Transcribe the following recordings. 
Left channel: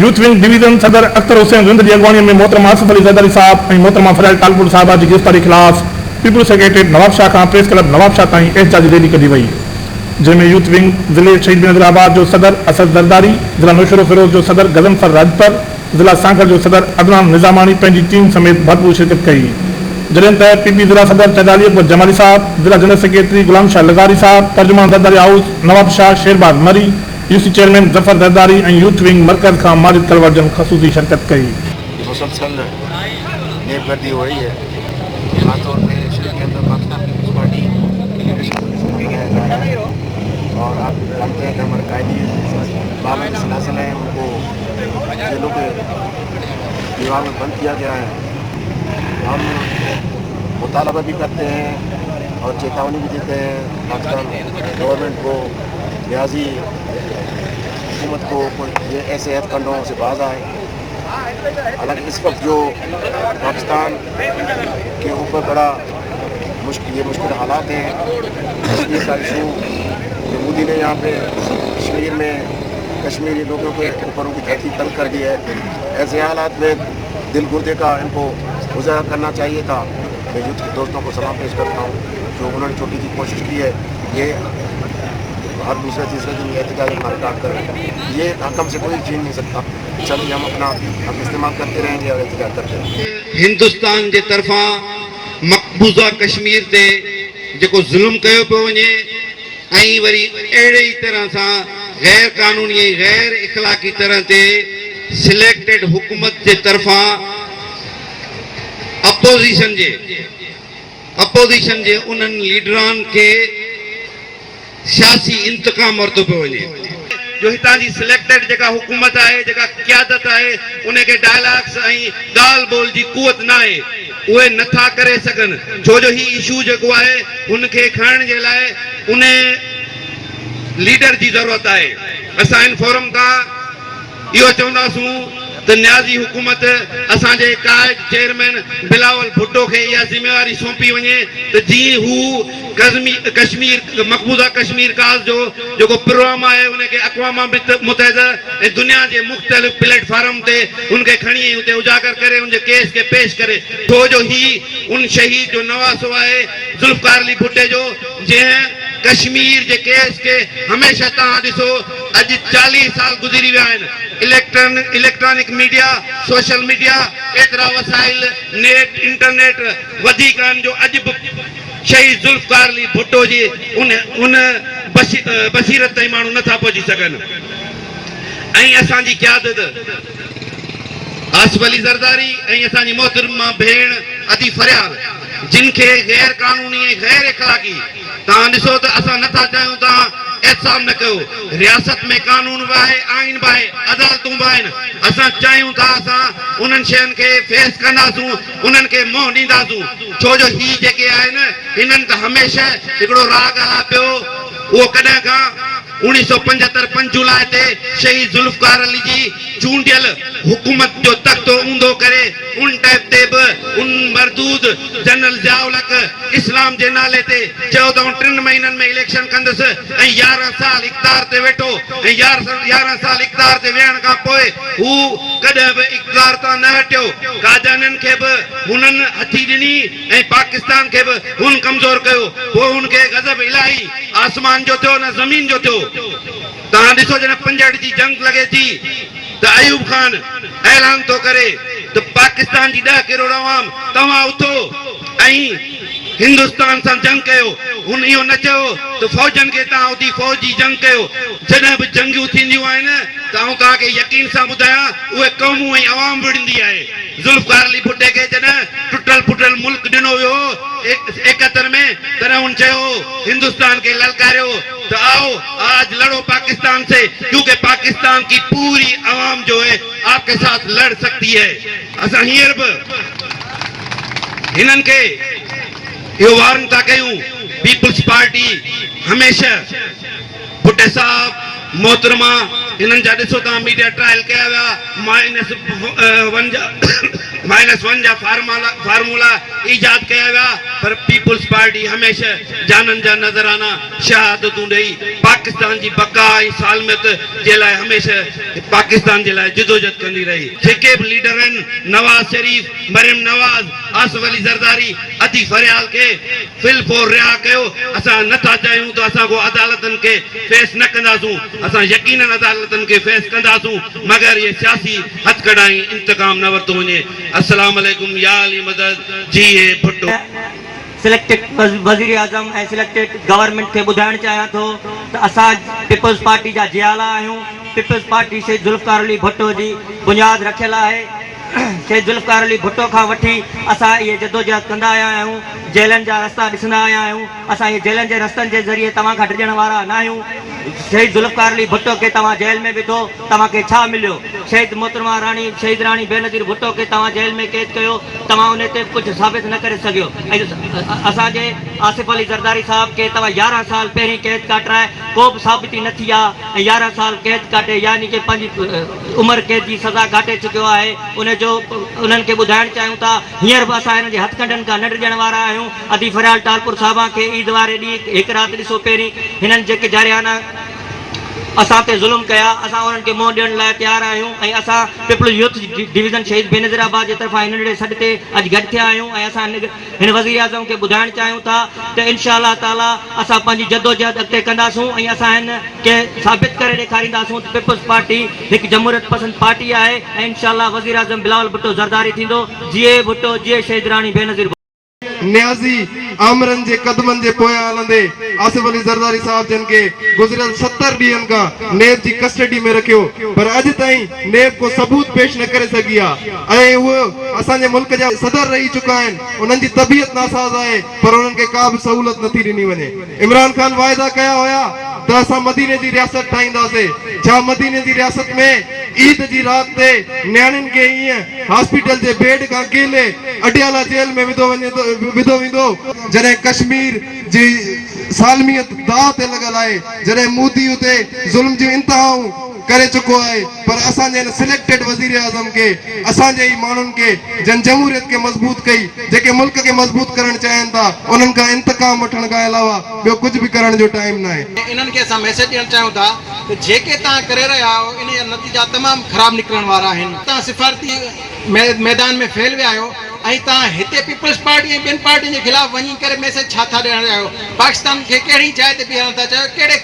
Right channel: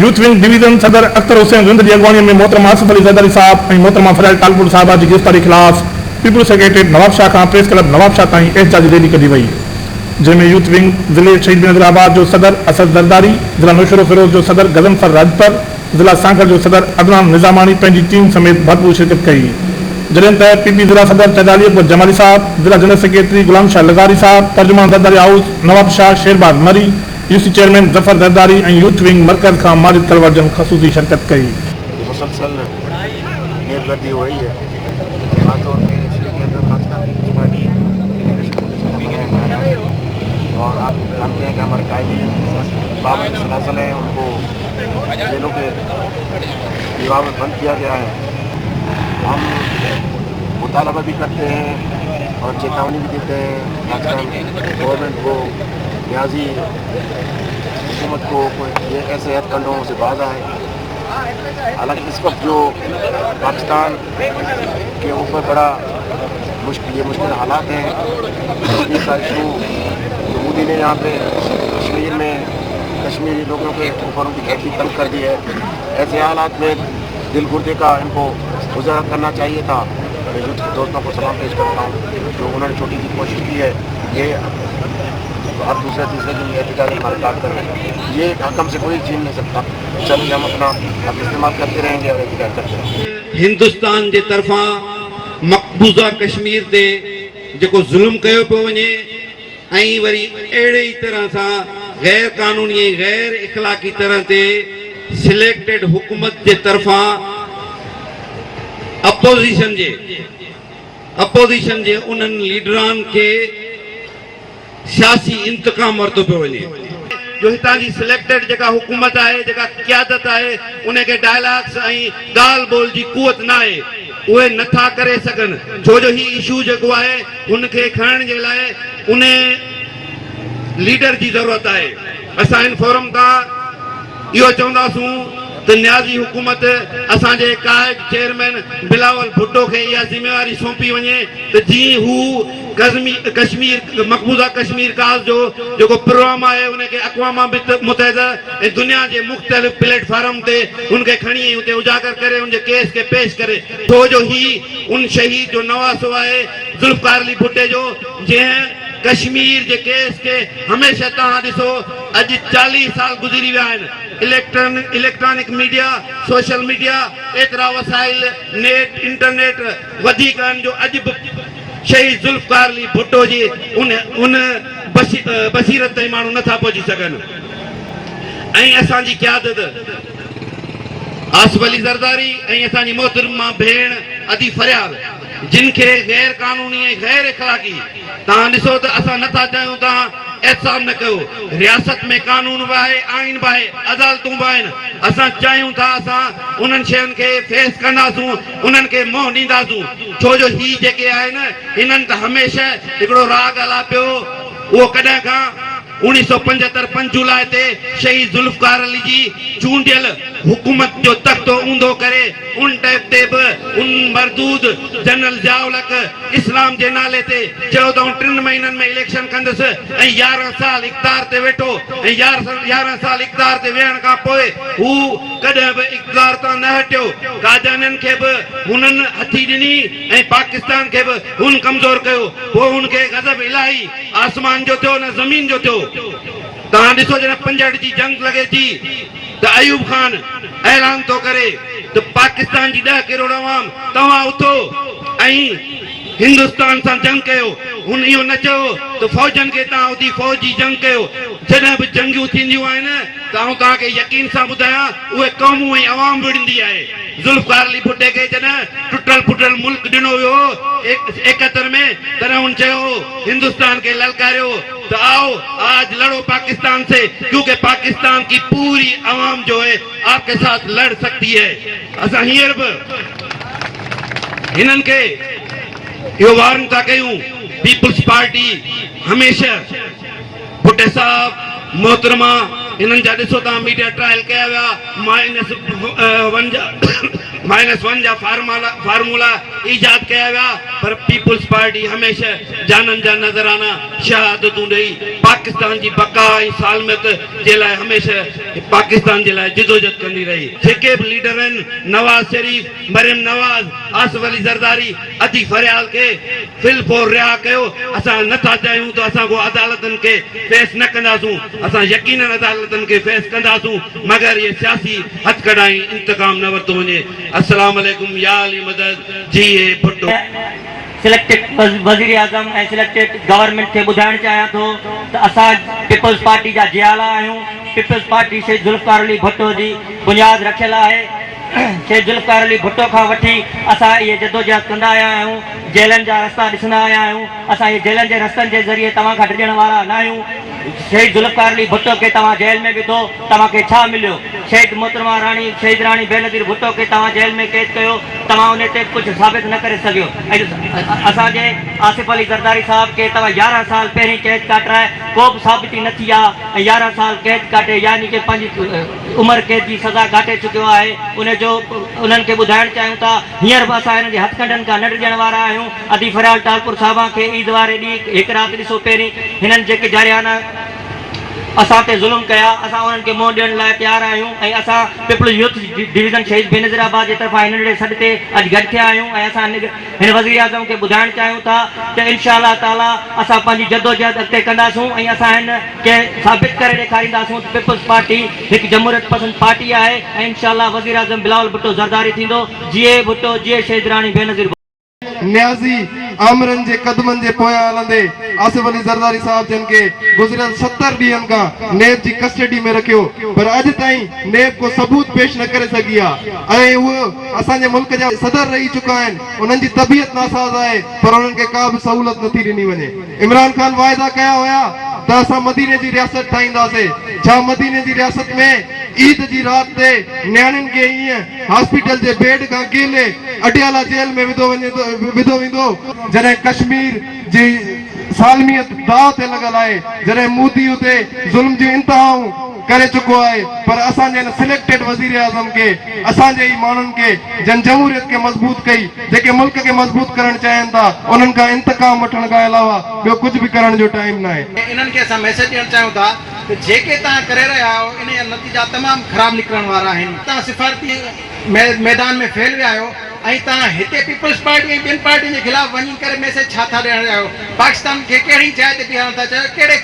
Youth wing division सदर अख्तर हुसैन जिंद की अगवानी में मोहतरमा आसिफ अली ज़रदारी साहब और मोहतरमा फराइल टालपुर साहबा की गिरफ़्तारी खिलाफ पीपल्स सेक्रेटरी नवाब शाह खां प्रेस क्लब नवाब शाह ताईं एहतजाजी रैली कढी वई, जंहिंमें यूथ विंग ज़िले शहीद नज़ीराबाद जो सदर असद ज़रदारी, ज़िला नौशरो फिरोज जो सदर गज़नफर राजपर, ज़िला सांखर जो सदर अदनान निज़ामानी पंहिंजी टीम समेत भरपूर शिरकत कई। जॾहिं त टीबी ज़िला सदर चैदाली अकबर जमाली साहब, ज़िला जनरल सेक्रेटरी गुलाम शाह लगारी साहब, तर्जुमान ज़रदारी हाउस नवाब शाह शेरबाग मरी, यूसी चेयरमैन जफर ज़रदारी ऐं यूथ विंग मरकज़ खां माजिद तलवार जन ख़सूसी शिरकत कई। मुसलसल गेंदबंदी हो रही है, खासतौर पे एशिया के अंदर पाकिस्तान की स्टडी है और आप जानते हैं कि हमारे कायदे बाब सियासत है उनको जेलों के विभाग में बंद किया गया है। हम मुतालबा भी करते हैं और चेतावनी भी देते हैं पाकिस्तान गवर्नमेंट को, लिहाजी हुकूमत को ये ऐसे हथकंडों से बाज आए। हालांकि इस वक्त जो पाकिस्तान के ऊपर बड़ा मुश्किल हालात हैं, कश्मीर का इशू मोदी ने यहाँ पे कश्मीर में कश्मीरी लोगों के ऊपर कैदी तंग कर दी है। ऐसे हालात में दिल गुर्दे का इनको गुजारा करना चाहिए था। अभी जो दोस्तों को सलाह पेश करता हूँ जो उन्होंने छुट्टी की कोशिश की है, ये अब दूसरा तीसरा दिन एहतजाज हमारे बात कर ये हकम से कोई छीन नहीं सकता। चल हम अपना इस्तेमाल करते रहेंगे और एहतजाज करते रहेंगे। हिंदुस्तान जे तरफा मक़बूज़ा कश्मीर ते जेको ज़ुल्म कयो पियो वञे ऐं वरी अहिड़े ई तरह सां गैर कानूनी गैर इख़लाक़ी तरह ते सिलेक्टेड हुकूमत जे तरफा अपोज़िशन जे उन्हनि लीडरान के सियासी इंतकाम वरितो पियो वञे। जो हितां जी सिलेक्टेड जेका हुकूमत आहे, जेका क़यादत आहे, उनखे डायलॉग्स ऐं ॻाल्हि ॿोल जी कुवत न आहे, उहे नथा करे सघनि। छो जो ही इशू जेको आहे उनखे खणण जे लाइ उन लीडर जी ज़रूरत आहे। असां इन फोरम तां इहो चवंदासूं त न्याज़ी हुकूमत असांजे काइद चेयरमैन बिलावल भुट्टो खे इहा ज़िम्मेवारी सौंपी वञे त जीअं हू कश्मीर मक़बूज़ा कश्मीर काज़ जो जेको प्रोग्राम आहे उनखे अक़वाम मुतहदा ऐं दुनिया जे मुख़्तलिफ़ प्लेटफॉर्म ते उनखे खणी उते उजागर करे उनजे केस खे पेश करे। छो जो ही उन शहीद जो नवासो आहे ज़ुल्फ़िकार अली भुट्टे जो, जंहिं कश्मीर जे केस के हमेशह तव्हां ॾिसो अॼु 40 साल गुज़री विया आहिनि। इलेक्ट्रॉनिक मीडिया, सोशल मीडिया, एतिरा वसाइल, नेट, इंटरनेट वधीक आहिनि जो अॼु बि शहीद ज़ुल्फ़िकार अली भुट्टो जी उन बसीरत ताईं माण्हू नथा पहुची सघनि। ऐं असांजी क़यादत आसिफ अली ज़रदारी ऐं असांजी मोहतरमा भेण अदी फरियाद, जिन खे गैर कानूनी गैर इख़लाक़ी तव्हां ॾिसो त असां नथा चाहियूं तव्हां एहतसाब न कयो। रियासत में कानून बि आहे, आइन बि आहे, अदालतूं बि आहिनि। असां चाहियूं था असां उन्हनि शयुनि खे फेस कंदासूं, उन्हनि खे मोह ॾींदासूं। छो जो ही जेके आहिनि हिननि त हमेशह हिकिड़ो राग हला पियो, उहो कॾहिं खां 1975 5 जुलाई ते शहीद ज़ुल्फ़िकार अली जी चूंडियल हुकूमत जो तख़्तो ऊंधो करे उन टाइप ते बि उन मरदूद जनरल ज़ियाउल हक़ इस्लाम जे नाले ते चयो त 3 महीननि में इलेक्शन कंदुसि ऐं 11 साल इक़्तिदार ते वेठो ऐं 11 साल इक़्तिदार ते वेहण खां पोइ हू कॾहिं बि इक़्तिदार तां न हटियो। काजननि खे बि हुननि हथी ॾिनी ऐं पाकिस्तान खे बि हुन कमज़ोर कयो। पोइ हुनखे गज़ब इलाही आसमान जो थियो न ज़मीन जो थियो। तव्हां ॾिसो जॾहिं 65 जी जंग लॻे थी त अयूब खान ऐलान थो करे त पाकिस्तान जी 10 करोड़ अवाम तव्हां उथो ऐं हिंदुस्तान सां जंग कयो। हुन इहो न चयो त फ़ौजनि खे तव्हां उथी फ़ौज जी जंग कयो। जॾहिं बि जंगियूं थींदियूं आहिनि त आउं तव्हांखे यकीन सां ॿुधायां उहे क़ौमूं ऐं अवाम विढ़ंदी आहे। ज़ुल्फ़िकार अली भुट्टे खे जॾहिं टुटल फुटल मुल्क ॾिनो वियो 71 में, तॾहिं हुन चयो हिंदुस्तान खे ललकारियो तो आओ आज लड़ो पाकिस्तान से, क्योंकि पाकिस्तान की पूरी आवाम जो है आपके साथ लड़ सकती है। असां हींअर बि हिननि खे इहो वार्न था कयूं। पीपल्स पार्टी हमेशह भुट्टे साहब मोहतरमा हिननि जा ॾिसो तव्हां मीडिया ट्रायल कया विया -1 जा फार्मूला ईजाद कया विया पर पीपुल्स पार्टी हमेशा जानन जा नज़राना शहादतूं ॾेई पाकिस्तान जी बका ऐं सालमत जे लाइ हमेशा पाकिस्तान जे लाइ जिदोजहद कंदी रही। जेके बि लीडर आहिनि नवाज़ शरीफ, मरियम नवाज़, आसिफ अली ज़रदारी, अती फरियाल खे फिल फोर रिहा कयो। असां नथा चाहियूं त असां को अदालतनि खे फेस न कंदासूं, असां यकीनन अदालतनि खे फेस कंदासूं मगर ये सियासी हथकड़ा ऐं इंतकाम न वरितो वञे। अस्सलाम वालेकुम या अली मदद जी भुट्टो। सिलेक्टेड वज़ीर आज़म ऐं सिलेक्टेड गवर्नमेंट खे ॿुधाइणु चाहियां थो त असां पीपल्स पार्टी जा जियाला आहियूं। पीपल्स पार्टी शहीद ज़ुल्फ़िकार अली भुट्टो जी बुनियाद रखियल आहे। शहीद ज़ुल्फ़िकार अली भुट्टो खां वठी असां इहे जदोजहद कंदा आया आहियूं, जेलनि जा रस्ता ॾिसंदा आया आहियूं। असां इहे जेलनि जे रस्तनि जे ज़रिए तव्हां खां डिॼण वारा न आहियूं। शहीद ज़ुल्फ़िकार अली भुट्टो खे तव्हां जेल में विधो, तव्हांखे छा मिलियो? शहीद मोहतरमा राणी शहीद राणी बेनज़ीर भुट्टो खे तव्हां जेल में कैद कयो, तव्हां उन ते कुझु साबित न करे सघियो। असांजे आसिफ अली ज़रदारी साहब खे तव्हां 11 साल पहिरीं कैद काटराए, को बि साबिती न थी आहे ऐं 11 साल कैद काटे यानी कि पंहिंजी उमिरि कैद जी सज़ा काटे चुकियो आहे। उनजो उन्हनि खे ॿुधाइणु चाहियूं था हींअर बि असां हिन जे हथकंडनि खां न डिॼण वारा आहियूं। अदी फरियाल टालपुर साहिबा खे ईद वारे ॾींहुं हिकु राति ॾिसो पहिरीं हिननि जेके जारियाना असां ते ज़ुल्म कया, असां उन्हनि खे मुंहुं ॾियण लाइ तयारु आहियूं ऐं असां पीपल्स यूथ डिवीज़न शहीद बेनज़ीराबाद जे तरफ़ां हिन नंढे सॾ ते अॼु गॾु थिया आहियूं ऐं असां हिन वज़ीर आज़म खे ॿुधाइणु चाहियूं था त इनशा अल्लाह ताला असां पंहिंजी जदोजहद अॻिते कंदासूं ऐं असां हिन खे साबित करे ॾेखारींदासूं त पीपल्स पार्टी हिकु जमहूरियत पसंदि पार्टी आहे ऐं इनशा अल्लाह वज़ीर आज़म बिलावल भुट्टो ज़रदारी थींदो। जीए भुट्टो, जीए शहीद राणी बेनज़ीर न्याज़ी आमरन जे कदमनि जे पोयां हलंदे आसिफ अली ज़रदारी साहब जन के गुज़रियल 70 ॾींहनि खां नेब जी कस्टडी में रखियो पर अॼु ताईं नेब को सबूत पेश न करे सघी आहे ऐं उहो असांजे मुल्क जा सदर रही चुका आहिनि। उन्हनि जी तबियत नासाज़ आहे पर उन्हनि खे का बि सहूलियत नथी ॾिनी वञे। इमरान खान वाइदा कया हुया त असां मदीने जी रियासत ठाहींदासीं। छा मदीने जी रियासत में ईद जी राति ते नियाणियुनि खे ईअं हॉस्पिटल जे बेड खां अकेले अडियाला जेल में विधो वेंदो जॾहिं कश्मीर जी सालमियत दाव ते लॻल आहे, जॾहिं मोदी उते ज़ुल्म जी इंतहाऊं करे चुको आहे पर असांजे सिलेक्टेड वज़ीर आज़म खे असांजे ई माण्हुनि खे जन जमहूरियत खे मज़बूत कई, जेके मुल्क खे मज़बूत करणु चाहिनि था उन्हनि खां इंतकाम वठण खां अलावा ॿियो कुझु बि करण जो टाइम न आहे। इन्हनि खे असां मैसेज ॾियणु चाहियूं था त जेके तव्हां करे रहिया आहियो इन जा नतीजा तमामु ख़राबु निकिरण वारा आहिनि। तव्हां सिफ़ारती मैदान में फैल विया आहियो ऐं तव्हां हिते पीपल्स पार्टी ऐं ॿियनि पार्टियुनि जे ख़िलाफ़ वञी करे मैसेज छा था ॾियण रहिया आहियो? पाकिस्तान खे कहिड़ी जाइ ते बीहारणु था चाहियो, कहिड़े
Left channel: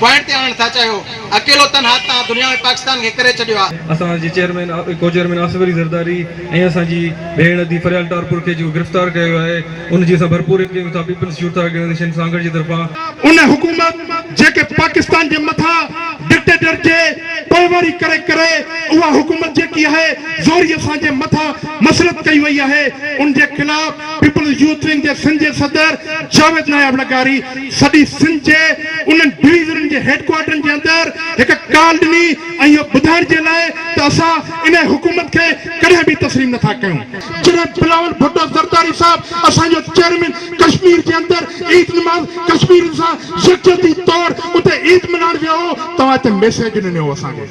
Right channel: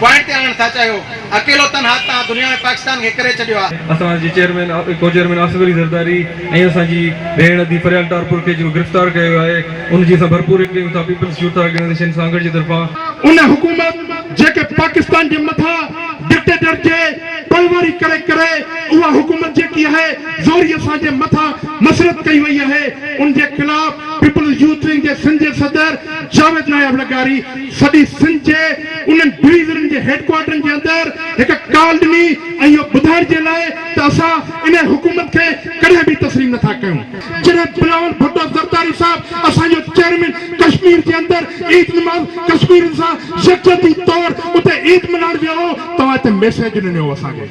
पॉइंट ते आणणु था चाहियो? अकेलो तनहा तव्हां दुनिया में पाकिस्तान खे करे छॾियो आहे। असांजे चेयरमैन को चेयरमैन आसिफ अली ज़रदारी ऐं असांजी भेण अदी फरियाल टालपुर खे जो गिरफ़्तार कयो आहे उनजी असां भरपूर कयूं था पीपल्स यूथ ऑर्गेनाइज़ेशन सांगड़ जी तरफ़ां। उन हुकूमत जेके पाकिस्तान जे मथां डिक्टेटर खे पोइवारी करे करे उहा हुकूमत जेकी आहे ज़ोरी असांजे मथां मसरत कई वई आहे उन जे ख़िलाफ़ पीपल्स यूथ विंग जे सिंध जे सदर जावेद नायब लगारी सॼी सिंध जे उन्हनि डिवीज़न जे हेडक्वार्टरनि जे अंदरि हिकु कॉल ॾिनी ऐं इहो ॿुधाइण जे लाइ त असां इन हुकूमत खे कॾहिं बि तस्लीम नथा कयूं। जॾहिं बिलावल भुट्टो ज़रदारी साहब असांजो चेयरमैन कश्मीर जे अंदरि ईद नमाज़ कश्मीर सां यकजहती तौर उते ईद मल्हाइण विया हो, तव्हां हिते मैसेज ॾिनो असांखे,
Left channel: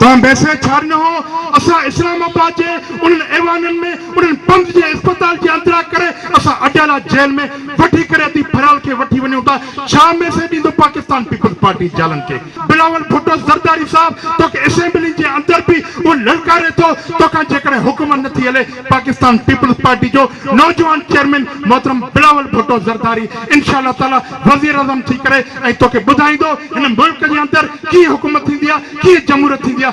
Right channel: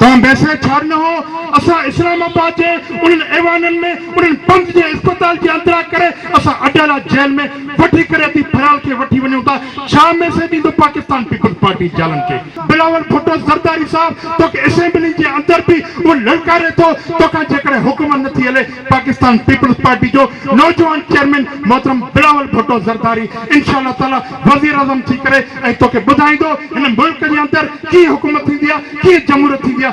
तव्हां मैसेज छा ॾिनो हो? असां इस्लामाबाद जे उन्हनि ऐवाननि में उन्हनि पंज जे अस्पताल जे अंदरां करे असां अडियाला जेल में वठी करे अदी फराल खे वठी वञूं था। छा मैसेज ॾींदो पाकिस्तान पीपल्स पार्टी जालनि खे? बिलावल भुट्टो ज़रदारी साहब तोखे असेंबली जे अंदरि बि उहो ललकारे थो, तोखां जेकॾहिं हुकूमत नथी हले पाकिस्तान पीपल्स पार्टी जो नौजवान चेयरमैन मोहतरम बिलावल भुट्टो ज़रदारी इंशा अल्लाह ताला वज़ीर आज़म थी करे ऐं तोखे ॿुधाईंदो हिन मुल्क जे अंदरि कीअं हुकूमत थींदी आहे, कीअं जमहूरियत थींदी आहे।